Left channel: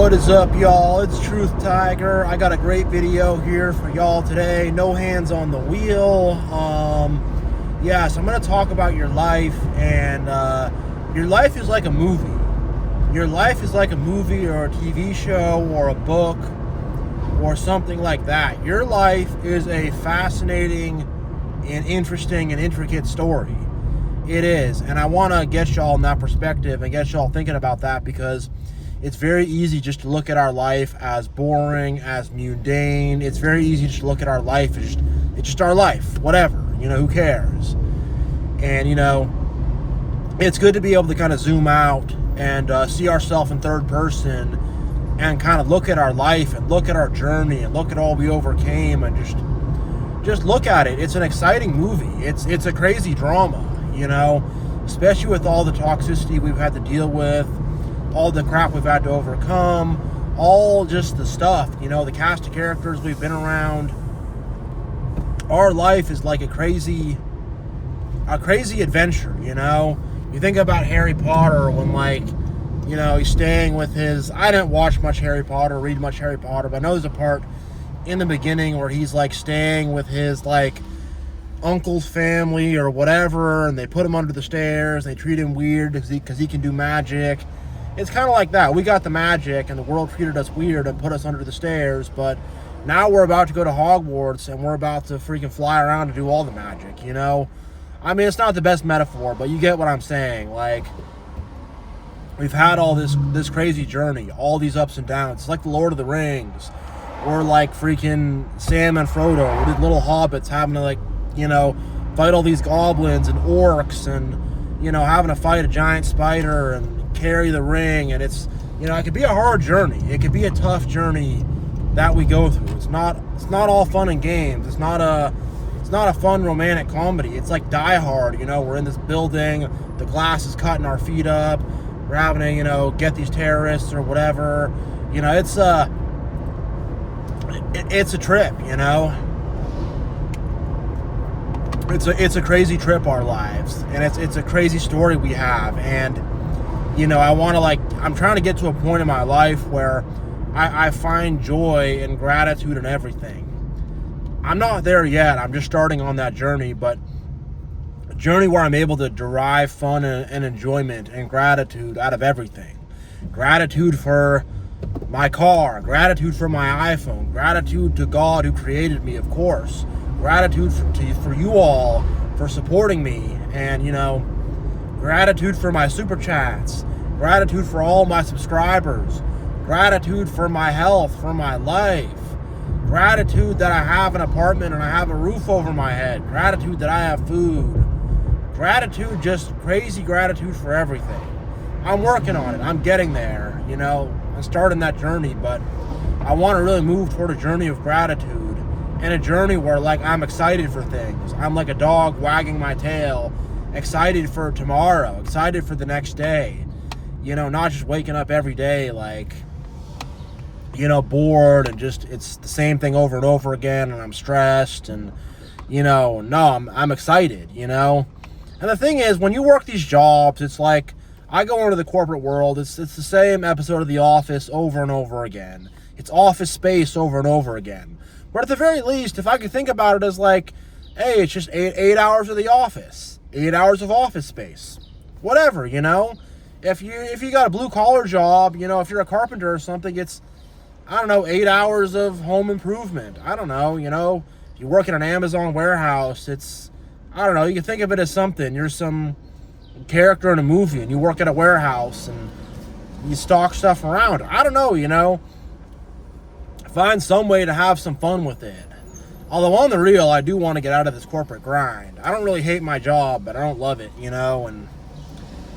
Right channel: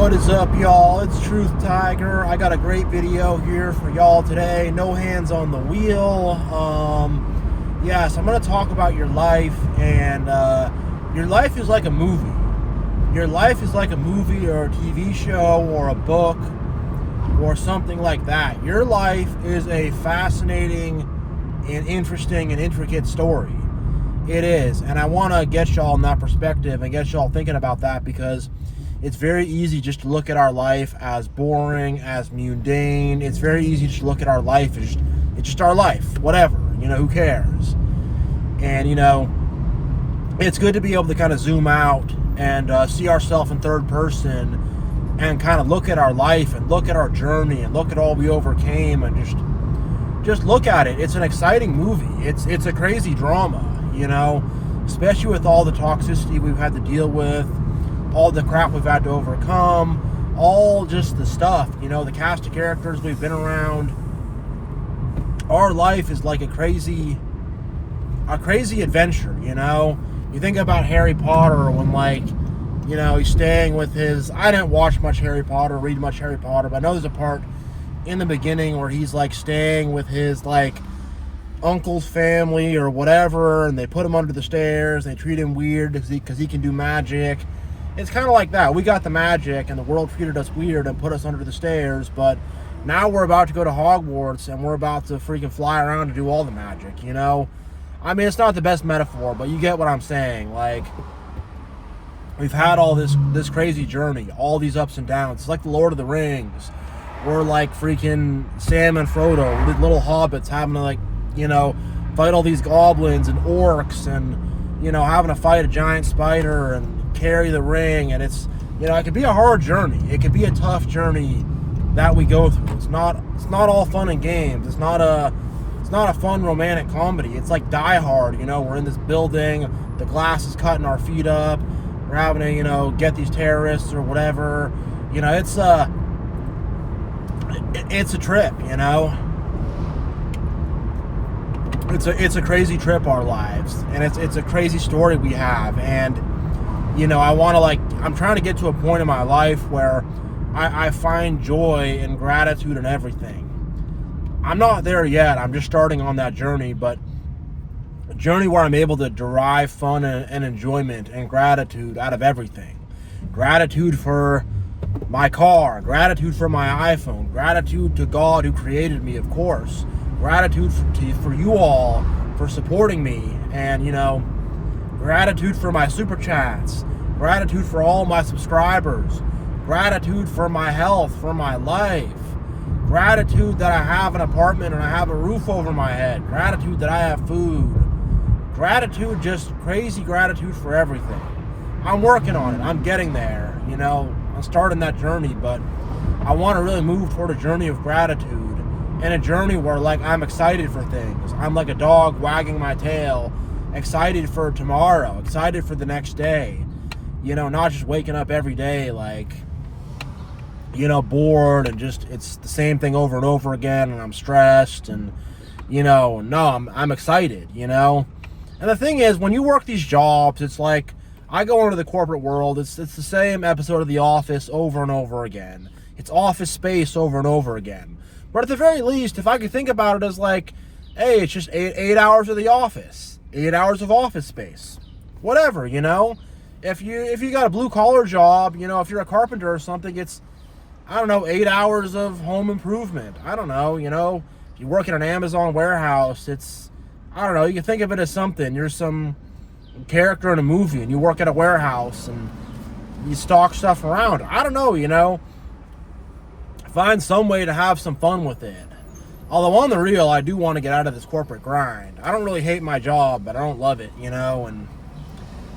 What is up, y'all? It's TruthTiger. I got a great video here for y'all today. No hands on the wheel. So I'm going to talk about your life, and your life is like a movie. Your life is like a movie or a TV show or a book or something like that. Your life is a fascinating and interesting and intricate story. It is, and I want to get y'all in that perspective and get y'all thinking about that, because it's very easy just to look at our life as boring, as mundane. It's very easy just to look at our life as it's just our life, whatever, who cares? And, it's good to be able to kind of zoom out and see ourselves in third person and kind of look at our life and look at our journey and look at all we overcame and just look at it. It's an exciting movie. It's a crazy drama, especially with all the toxicity we've had to deal with, all the crap we've had to overcome, all just the stuff, the cast of characters we've been around. Our life is like a crazy adventure, You think about Harry Potter when, he's staying with his... I didn't watch much Harry Potter, read much Harry Potter, but I know there's a part in the beginning where he's, staying with his, uncle's family or whatever, and they put him under the stairs, they treat him weird because he can do magic. It's kind of like that. We got the magic, and the world treated us weird and put us under the stairs, but now we're about to go to Hogwarts, and we're about to freaking fly around to do all the magic, I mean, it's not the best metaphor, but you get what I'm saying. We've had all this crazy journey, all these ups and downs. It's like the Lord of the Rings. We're like freaking Sam and Frodo, these little hobbits having to, fight all these goblins and orcs and, having to fight a giant spider and carry the ring, and it's it could be a hard journey. It could be a tough journey that we go through. It's not all fun and games. It's not a fun romantic comedy. It's like Die Hard. We're in this building, the glass is cutting our feet up, we're having to get these terrorists or whatever. It's a trip. It's a crazy trip, our lives, and it's a crazy story we have. And I'm trying to get to a point in my life where I find joy and gratitude in everything. I'm not there yet. I'm just starting on that journey, but a journey where I'm able to derive fun and enjoyment and gratitude out of everything. Gratitude for my car, gratitude for my iPhone, gratitude to God who created me, of course. Gratitude for you all for supporting me, and gratitude for my super chats, gratitude for all my subscribers, gratitude for my health, for my life, gratitude that I have an apartment and I have a roof over my head, gratitude that I have food, gratitude, just crazy gratitude for everything. I'm working on it. I'm getting there, I'm starting that journey, but I want to really move toward a journey of gratitude and a journey where I'm excited for things. I'm like a dog wagging my tail, excited for tomorrow, excited for the next day, not just waking up every day bored and just it's the same thing over and over again, and I'm stressed and no, I'm excited, And the thing is, when you work these jobs, it's like I go into the corporate world, it's the same episode of The Office over and over again. It's Office Space over and over again. But at the very least, if I could think about it as hey, it's just eight hours of The Office, 8 hours of Office Space, whatever, If you got a blue collar job, if you're a carpenter or something, it's 8 hours of home improvement. I don't know, if you work in an Amazon warehouse, it's, you can think of it as something. You're some character in a movie and you work at a warehouse and you stock stuff around. I don't know, Find some way to have some fun with it. Although on the real, I do want to get out of this corporate grind. I don't really hate my job, but I don't love it, and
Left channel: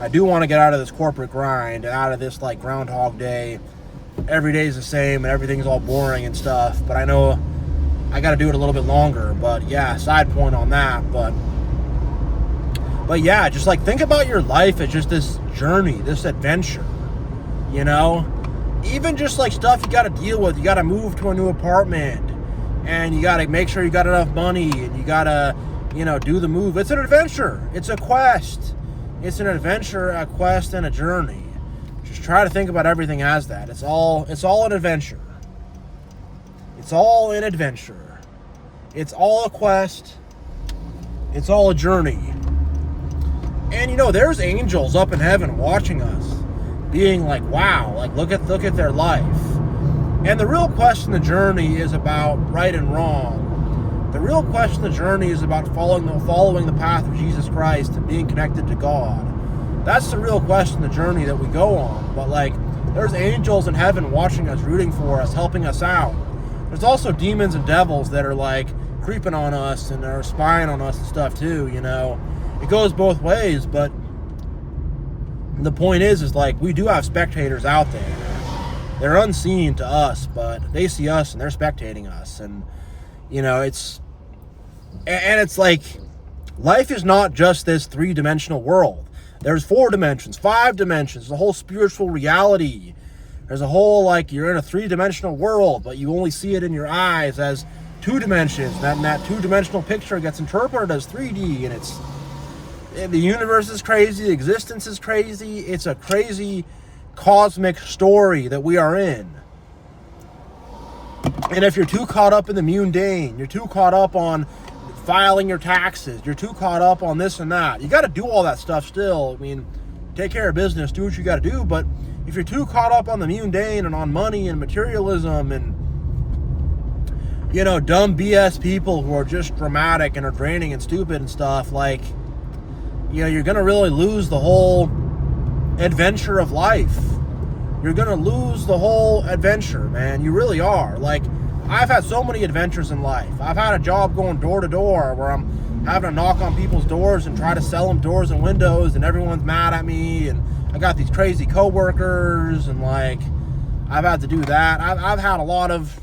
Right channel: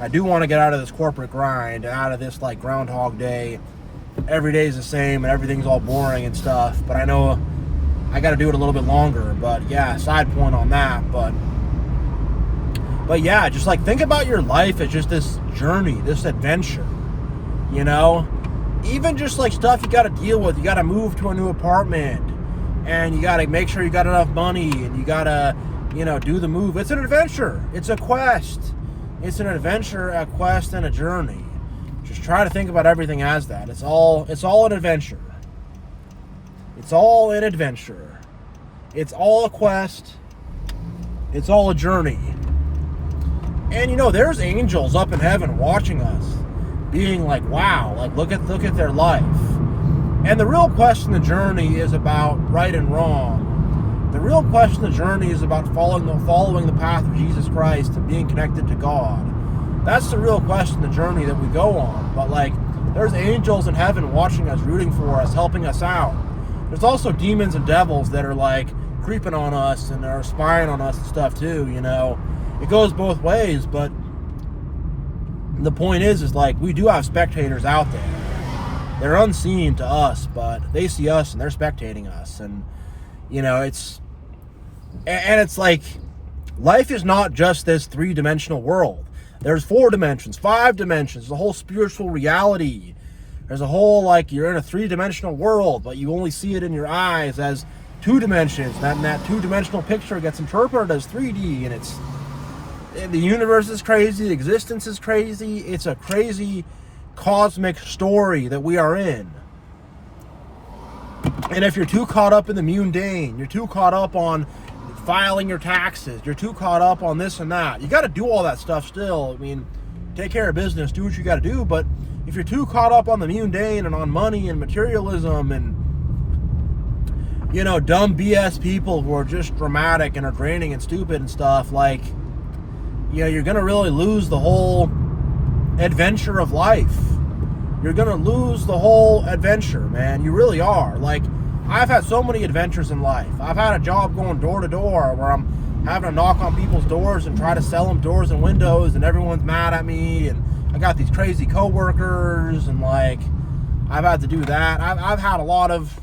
I do want to get out of this corporate grind and out of this Groundhog Day. Every day is the same and everything's all boring and stuff, but I know I got to do it a little bit longer. But yeah, side point on that. But yeah, just think about your life as just this journey, this adventure, even just stuff you got to deal with. You got to move to a new apartment and you got to make sure you got enough money and you got to, do the move. It's an adventure. It's a quest. It's an adventure, a quest, and a journey. Just try to think about everything as that. It's all an adventure. It's all an adventure. It's all a quest. It's all a journey. And you know, there's angels up in heaven watching us, being like, wow, like look at their life. And the real question of the journey is about right and wrong. The real question of the journey is about following the path of Jesus Christ and being connected to God. That's the real question of the journey that we go on. But like, there's angels in heaven watching us, rooting for us, helping us out. There's also demons and devils that are like creeping on us and are spying on us and stuff too, you know. It goes both ways, but the point is like, we do have spectators out there. They're unseen to us, but they see us and they're spectating us. And, you know, it's like, life is not just this 3-dimensional world. There's 4 dimensions, 5 dimensions, the whole spiritual reality. There's a whole, like, you're in a 3-dimensional world, but you only see it in your eyes as 2 dimensions. And that 2-dimensional picture gets interpreted as 3D, and the universe is crazy, existence is crazy. It's a crazy cosmic story that we are in. And if you're too caught up in the mundane, you're too caught up on filing your taxes, you're too caught up on this and that, you got to do all that stuff still. I mean, take care of business, do what you got to do, but if you're too caught up on the mundane and on money and materialism and, you know, dumb BS people who are just dramatic and are draining and stupid and stuff, like, you know, you're going to really lose the whole adventure of life. You're going to lose the whole adventure, man. You really are. Like, I've had so many adventures in life. I've had a job going door to door where I'm having to knock on people's doors and try to sell them doors and windows, and everyone's mad at me, and I got these crazy coworkers, and like, I've had to do that. I've had a lot of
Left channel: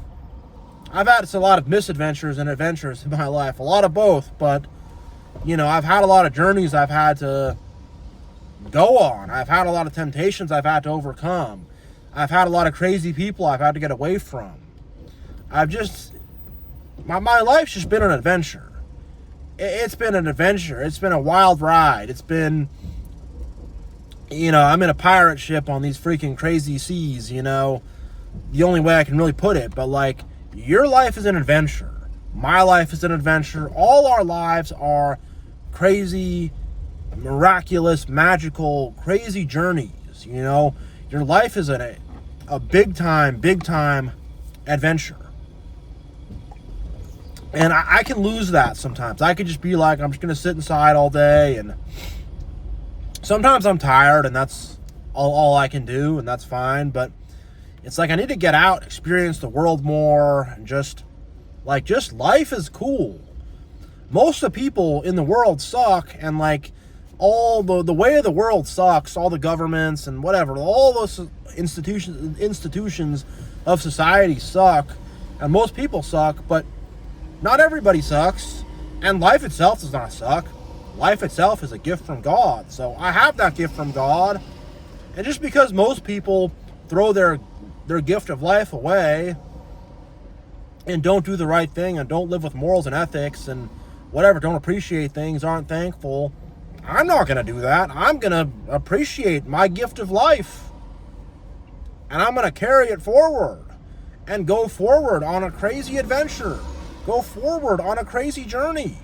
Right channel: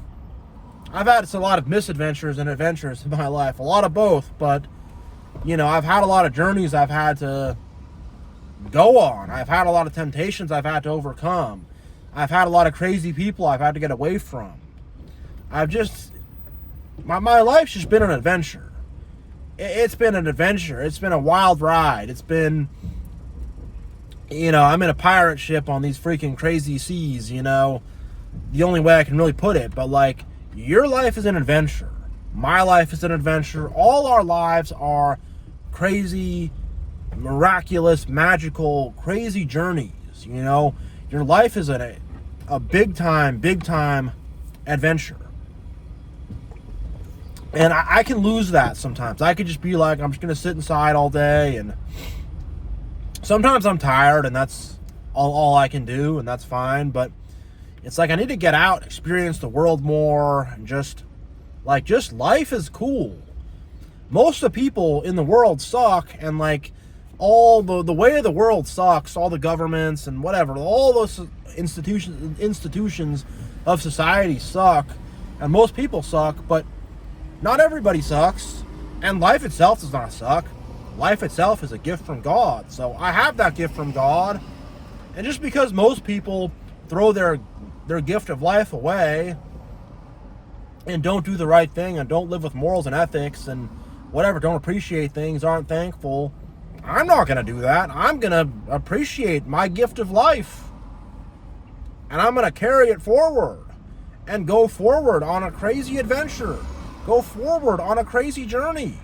misadventures and adventures in my life, a lot of both, but you know, I've had a lot of journeys I've had to go on. I've had a lot of temptations I've had to overcome. I've had a lot of crazy people I've had to get away from. My life's just been an adventure. It's been an adventure. It's been a wild ride. It's been, you know, I'm in a pirate ship on these freaking crazy seas, you know, the only way I can really put it. But like, your life is an adventure. My life is an adventure. All our lives are crazy, miraculous, magical, crazy journeys, you know. Your life is a big time adventure. And I can lose that sometimes. I could just be like, I'm just going to sit inside all day, and sometimes I'm tired, and that's all I can do, and that's fine. But it's like, I need to get out, experience the world more, and just life is cool. Most of the people in the world suck, and like, all the way of the world sucks, all the governments and whatever, all those institutions of society suck, and most people suck, but not everybody sucks, and life itself does not suck. Life itself is a gift from God. So I have that gift from God, and just because most people throw their gift of life away and don't do the right thing and don't live with morals and ethics and whatever, don't appreciate things, aren't thankful, I'm not going to do that. I'm going to appreciate my gift of life, and I'm going to carry it forward and go forward on a crazy adventure. Go forward on a crazy journey.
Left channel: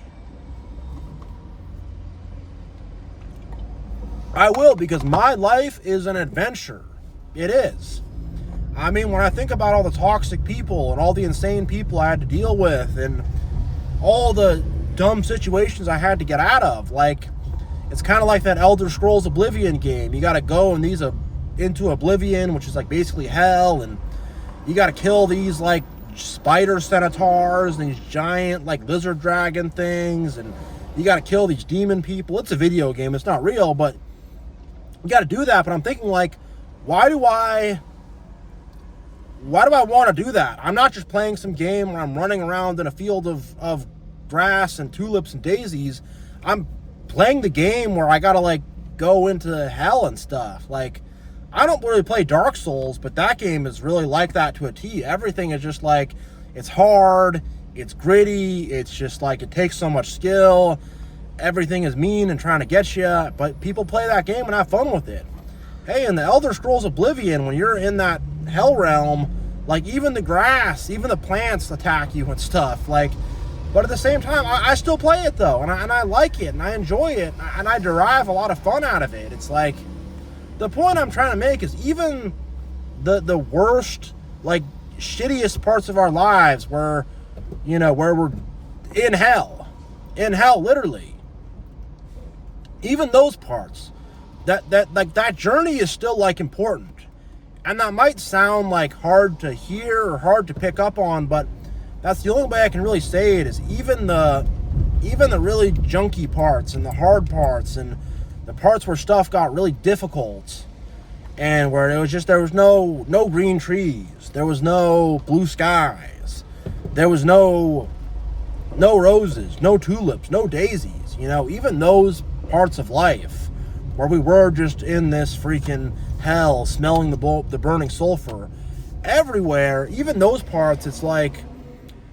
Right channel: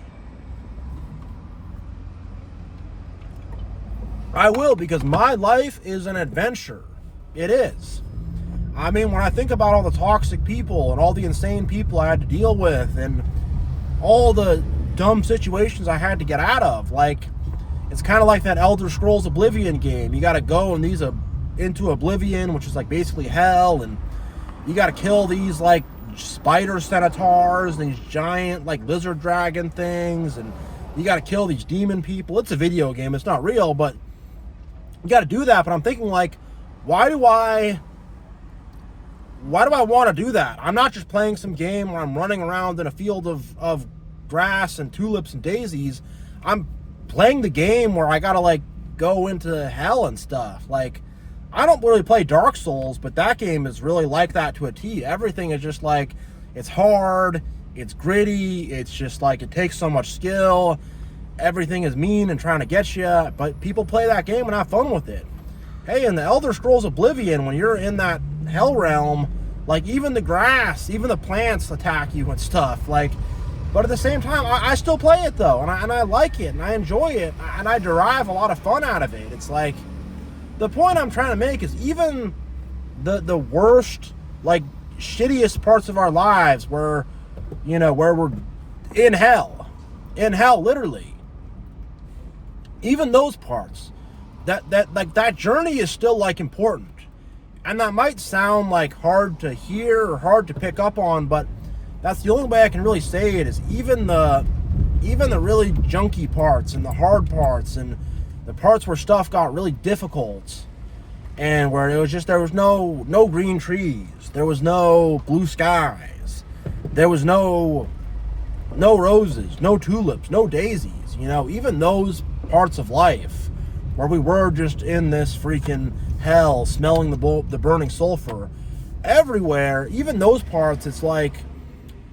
I will, because my life is an adventure. It is. I mean, when I think about all the toxic people and all the insane people I had to deal with and all the dumb situations I had to get out of, like, it's kind of like that Elder Scrolls Oblivion game. You got to go into Oblivion, which is like basically hell, and you got to kill these like spider centaurs and these giant like lizard dragon things, and you got to kill these demon people. It's a video game, it's not real, but you got to do that. But I'm thinking, like, why do I want to do that? I'm not just playing some game where I'm running around in a field of grass and tulips and daisies. I'm playing the game where I gotta like go into hell and stuff. Like, I don't really play Dark Souls, but that game is really like that to a T. Everything is just like, it's hard, it's gritty, it's just like, it takes so much skill, everything is mean and trying to get you, but people play that game and have fun with it. hey, in the Elder Scrolls Oblivion, when you're in that hell realm, like, even the grass, even the plants attack you and stuff. Like, but at the same time, I still play it, though, and I like it, and I enjoy it, and I derive a lot of fun out of it. It's like, the point I'm trying to make is even the worst, like, shittiest parts of our lives where, you know, where we're in hell, literally. Even those parts, that journey is still, like, important. And that might sound like hard to hear or hard to pick up on, but that's the only way I can really say it, is even the really junky parts and the hard parts and the parts where stuff got really difficult and where it was just, there was no green trees, there was no blue skies, there was no roses, no tulips, no daisies, you know, even those parts of life where we were just in this freaking hell, smelling the burning sulfur everywhere, even those parts, it's like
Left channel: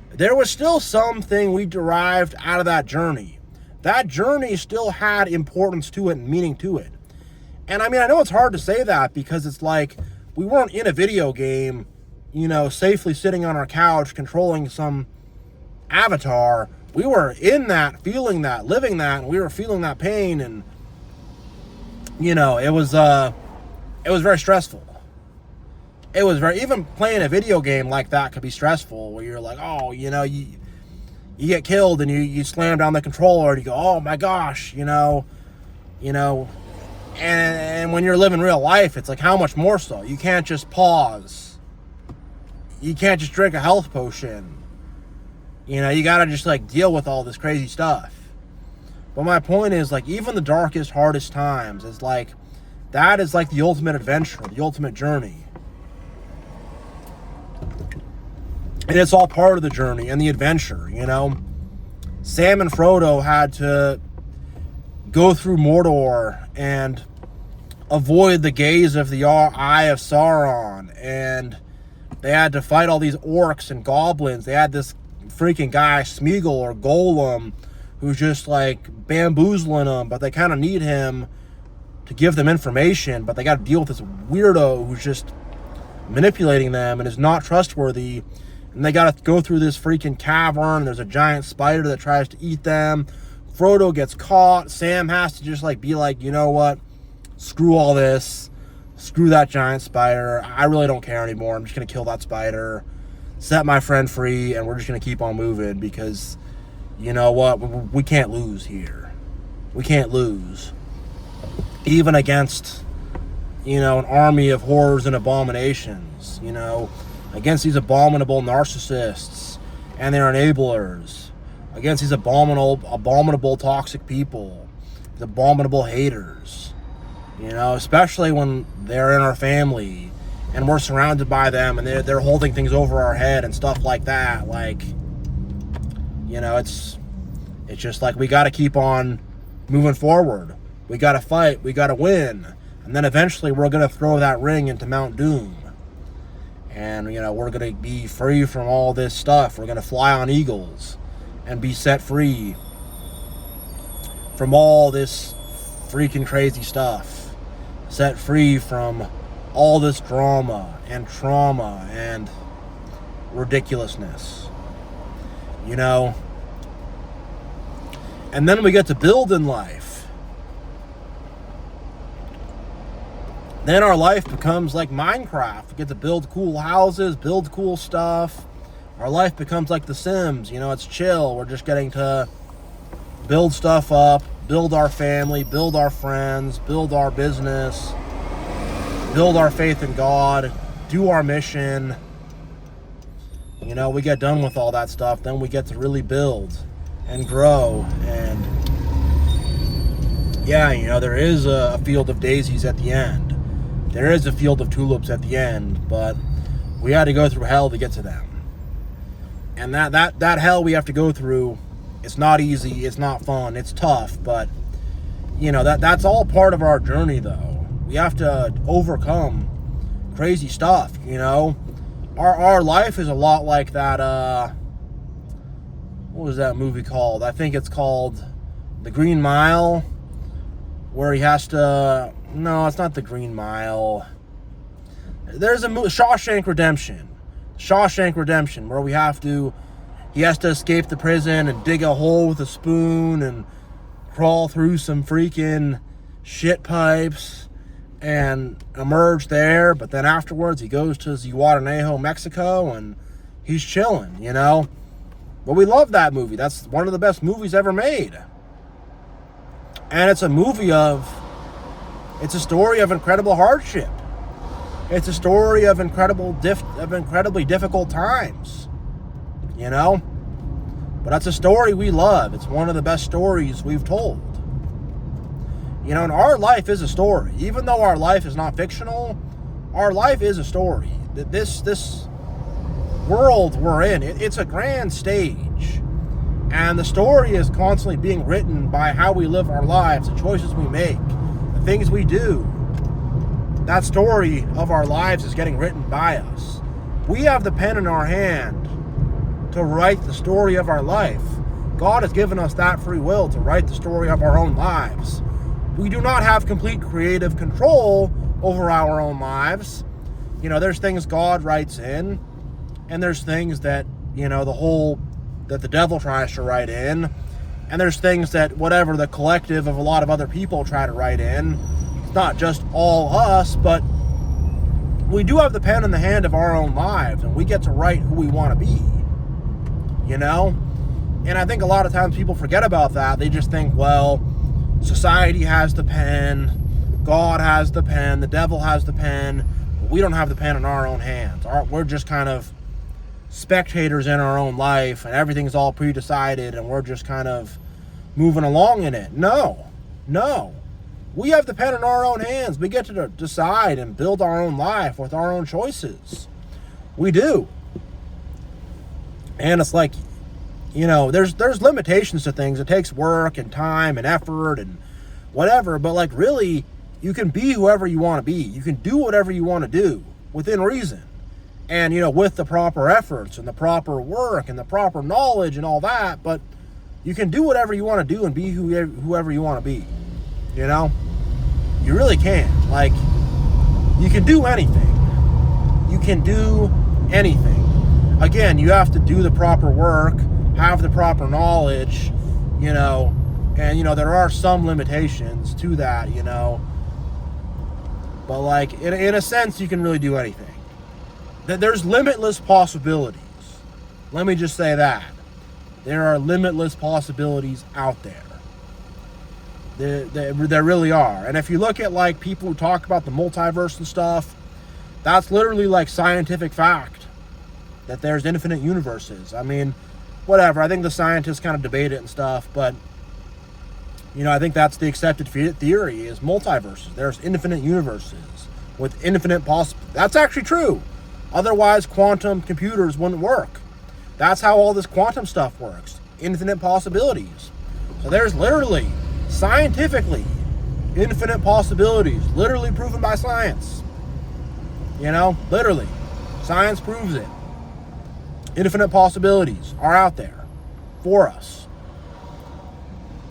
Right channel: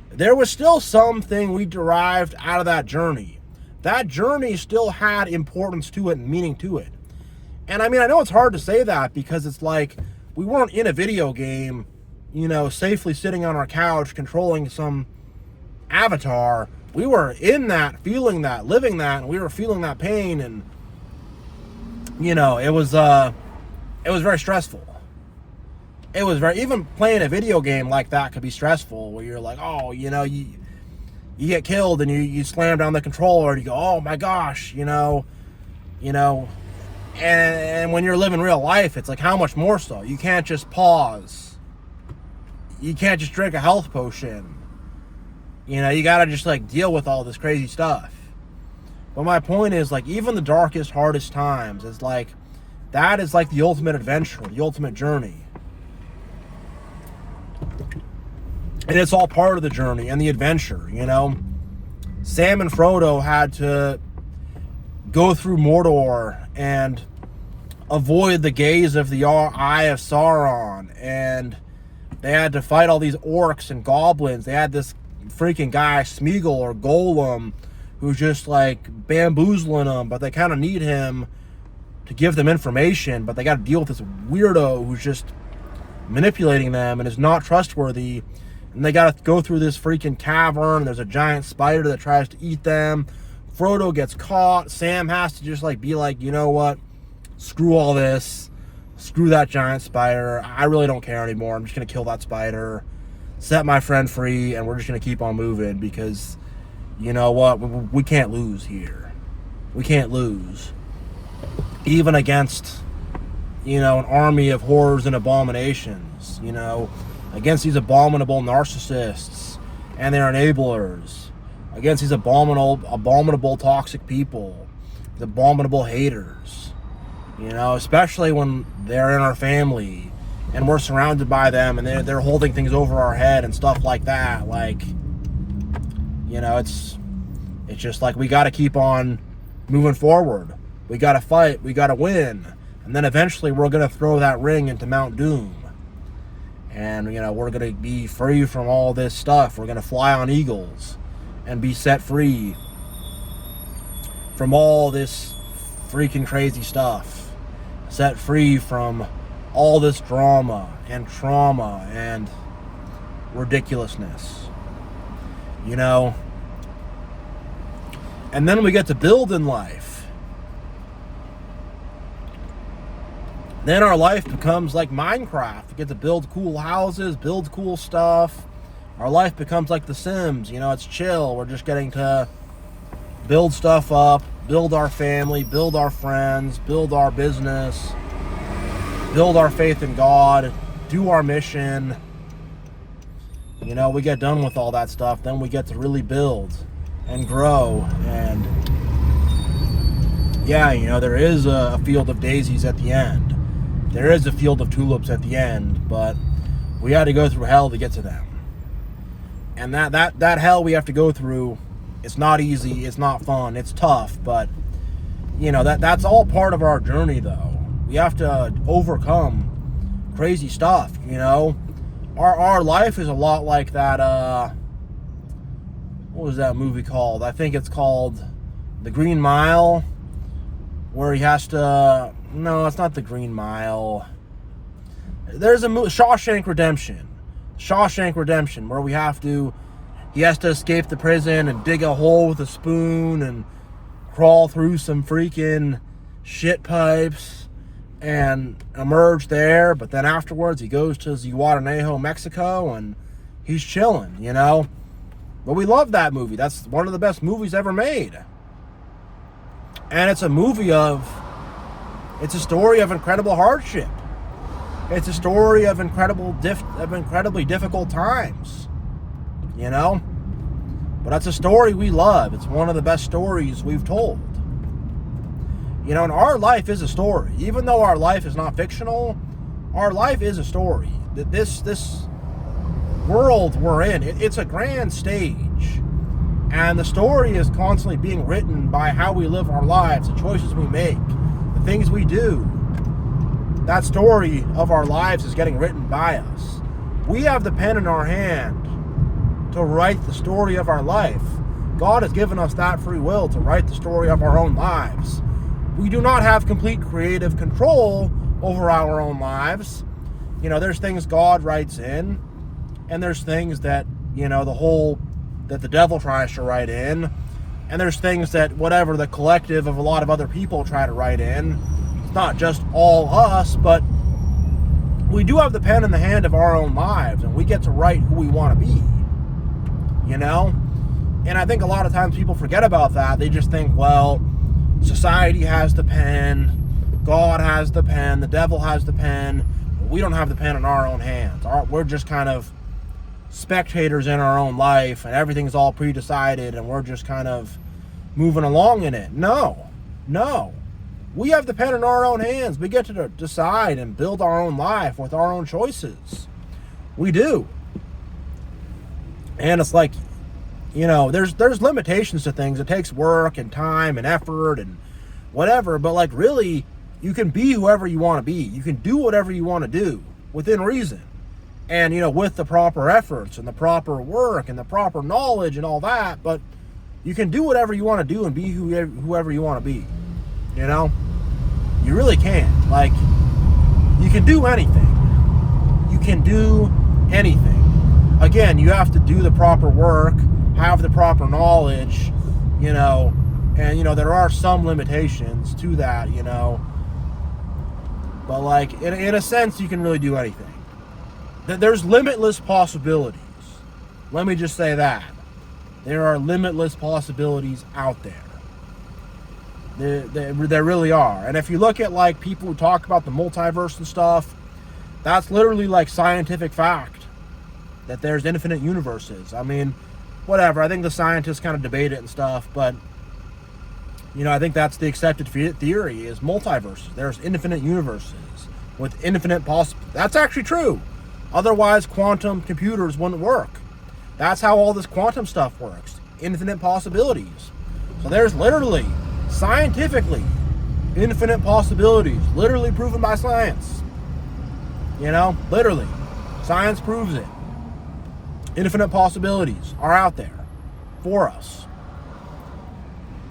there was still something we derived out of that journey. That journey still had importance to it and meaning to it. And I mean, I know it's hard to say that because it's like we weren't in a video game, you know, safely sitting on our couch controlling some avatar. We were in that, feeling that, living that, and we were feeling that pain, and you know, it was very stressful. It was very, even playing a video game like that could be stressful, where you're like, oh, you know, you get killed and you slam down the controller and you go, oh my gosh, you know, and when you're living real life, it's like, how much more so? You can't just pause. You can't just drink a health potion. You know, you gotta just, like, deal with all this crazy stuff. But my point is, like, even the darkest, hardest times is like, that is like the ultimate adventure, the ultimate journey. And it's all part of the journey and the adventure, you know. Sam and Frodo had to go through Mordor and avoid the gaze of the Eye of Sauron, and they had to fight all these orcs and goblins. They had this freaking guy, Smeagol or Golem, who's just like bamboozling them, but they kind of need him to give them information, but they got to deal with this weirdo who's just manipulating them and is not trustworthy. And they got to go through this freaking cavern. There's a giant spider that tries to eat them. Frodo gets caught. Sam has to just, like, be like, you know what? Screw all this. Screw that giant spider. I really don't care anymore. I'm just going to kill that spider, set my friend free, and we're just going to keep on moving because, you know what? We can't lose here. We can't lose. Even against, you know, an army of horrors and abominations, you know, against these abominable narcissists and their enablers, against these abominable toxic people, these abominable haters, you know, especially when they're in our family and we're surrounded by them and they're holding things over our head and stuff like that. Like, you know, it's just like, we got to keep on moving forward. We got to fight. We got to win. And then eventually we're going to throw that ring into Mount Doom. And, you know, we're going to be free from all this stuff. We're going to fly on eagles and be set free from all this freaking crazy stuff. Set free from all this drama and trauma and ridiculousness. You know? And then we get to build in life. Then our life becomes like Minecraft. We get to build cool houses, build cool stuff. Our life becomes like The Sims. You know, it's chill. We're just getting to build stuff up, build our family, build our friends, build our business, build our faith in God, do our mission. You know, we get done with all that stuff. Then we get to really build and grow. And yeah, you know, there is a field of daisies at the end. There is a field of tulips at the end, but we had to go through hell to get to them. And that hell we have to go through, it's not easy, it's not fun, it's tough, but you know, that's all part of our journey though. We have to overcome crazy stuff, you know. Our life is a lot like that, what was that movie called? I think it's called The Green Mile, where he has to No, it's not The Green Mile. There's a Shawshank Redemption. Shawshank Redemption, where he has to escape the prison and dig a hole with a spoon and crawl through some freaking shit pipes and emerge there. But then afterwards, he goes to Zihuatanejo, Mexico, and he's chilling, you know? But we love that movie. That's one of the best movies ever made. And it's a movie it's a story of incredible hardship. It's a story of incredibly difficult times, you know? But that's a story we love. It's one of the best stories we've told. You know, and our life is a story. Even though our life is not fictional, our life is a story. This world we're in, it's a grand stage. And the story is constantly being written by how we live our lives, the choices we make, the things we do. That story of our lives is getting written by us. We have the pen in our hand to write the story of our life. God has given us that free will to write the story of our own lives. We do not have complete creative control over our own lives. You know, there's things God writes in, and there's things that, you know, that the devil tries to write in, and there's things that whatever the collective of a lot of other people try to write in. It's not just all us, but we do have the pen in the hand of our own lives, and we get to write who we want to be, you know? And I think a lot of times people forget about that. They just think, well, society has the pen, God has the pen, the devil has the pen. We don't have the pen in our own hands. We're just kind of spectators in our own life, and everything's all pre-decided, and we're just kind of moving along in it. No. We have the pen in our own hands. We get to decide and build our own life with our own choices. We do. And it's like, you know, there's limitations to things. It takes work and time and effort and whatever, but like really, you can be whoever you want to be. You can do whatever you want to do within reason. And, you know, with the proper efforts and the proper work and the proper knowledge and all that, but you can do whatever you want to do and be whoever you want to be, you know? You really can. Like, you can do anything. You can do anything. Again, you have to do the proper work, have the proper knowledge, you know, and, you know, there are some limitations to that, you know, but like, in a sense, you can really do anything. There's limitless possibilities. Let me just say that. There are limitless possibilities out there. There really are. And if you look at like people who talk about the multiverse and stuff, that's literally like scientific fact that there's infinite universes. I mean, whatever. I think the scientists kind of debate it and stuff, but you know, I think that's the accepted theory is multiverses. There's infinite universes with infinite That's actually true. Otherwise, quantum computers wouldn't work. That's how all this quantum stuff works. Infinite possibilities. So there's literally, scientifically, infinite possibilities. Literally proven by science. You know, literally. Science proves it. Infinite possibilities are out there for us.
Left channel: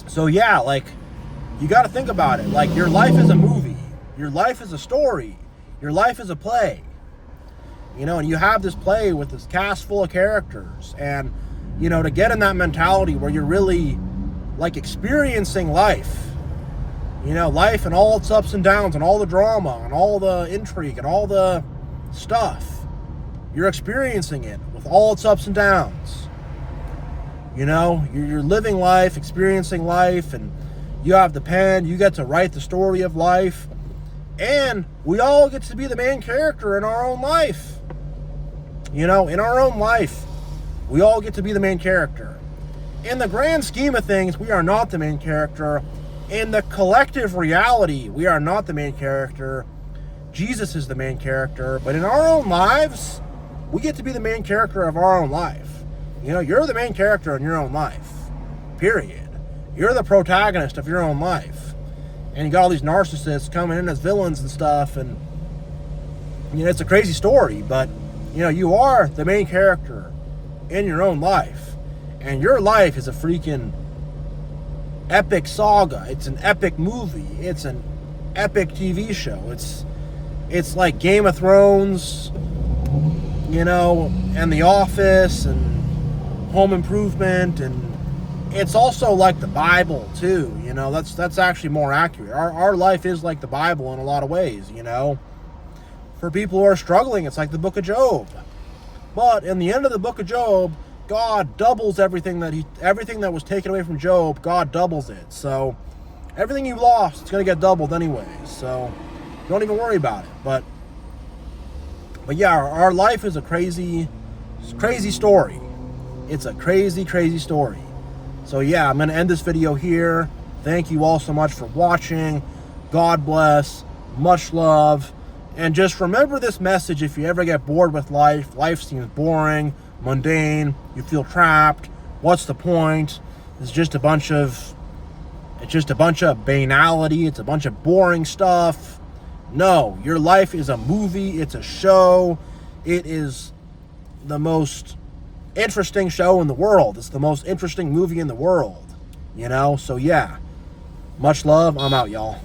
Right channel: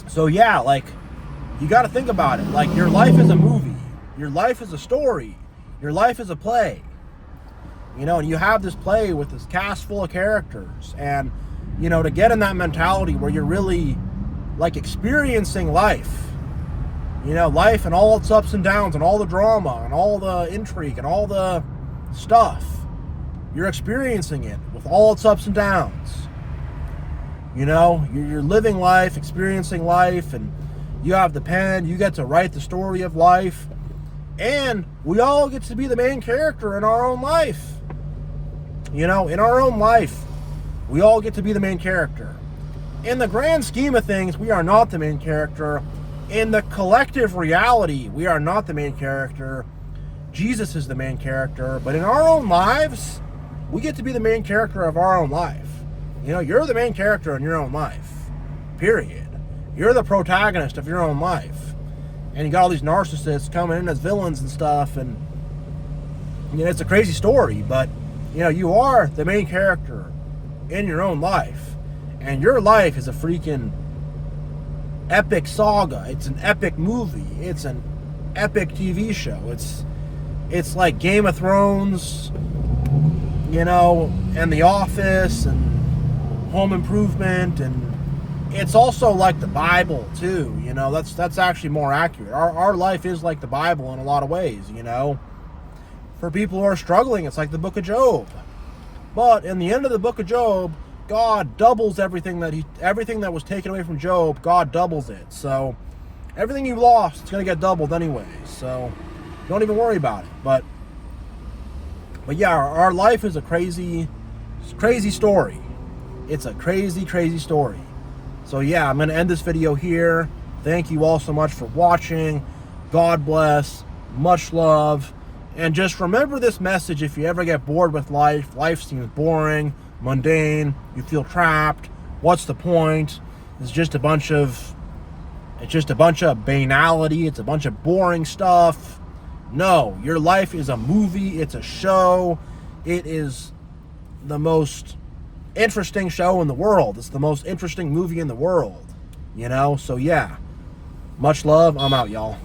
So yeah, like, you got to think about it. Like, your life is a movie. Your life is a story. Your life is a play. You know, and you have this play with this cast full of characters. And, you know, to get in that mentality where you're really, like, experiencing life. You know, life and all its ups and downs and all the drama and all the intrigue and all the stuff. You're experiencing it with all its ups and downs. You know, you're living life, experiencing life, and you have the pen. You get to write the story of life. And we all get to be the main character in our own life. You know, in our own life, we all get to be the main character. In the grand scheme of things, we are not the main character. In the collective reality, we are not the main character. Jesus is the main character. But in our own lives, we get to be the main character of our own life. You know, you're the main character in your own life. Period. You're the protagonist of your own life. And you got all these narcissists coming in as villains and stuff. And, you know, it's a crazy story. But, you know, you are the main character in your own life. And your life is a freaking epic saga. It's an epic movie. It's an epic TV show. It's like Game of Thrones, you know, and The Office and Home Improvement, and it's also like the Bible too, you know. That's actually more accurate. Our life is like the Bible in a lot of ways, you know. For people who are struggling, it's like the book of Job. But in the end of the book of Job, God doubles everything that was taken away from Job, God doubles it. So everything you lost, it's going to get doubled anyways. So don't even worry about it. But yeah, our life is a crazy story. It's a crazy story. So yeah, I'm going to end this video here. Thank you all so much for watching. God bless. Much love. And just remember this message: if you ever get bored with life seems boring, mundane, you feel trapped, what's the point? It's just a bunch of banality, it's a bunch of boring stuff. No, your life is a movie, it's a show. It is the most interesting show in the world. It's the most interesting movie in the world, you know? So yeah, much love. I'm out, y'all.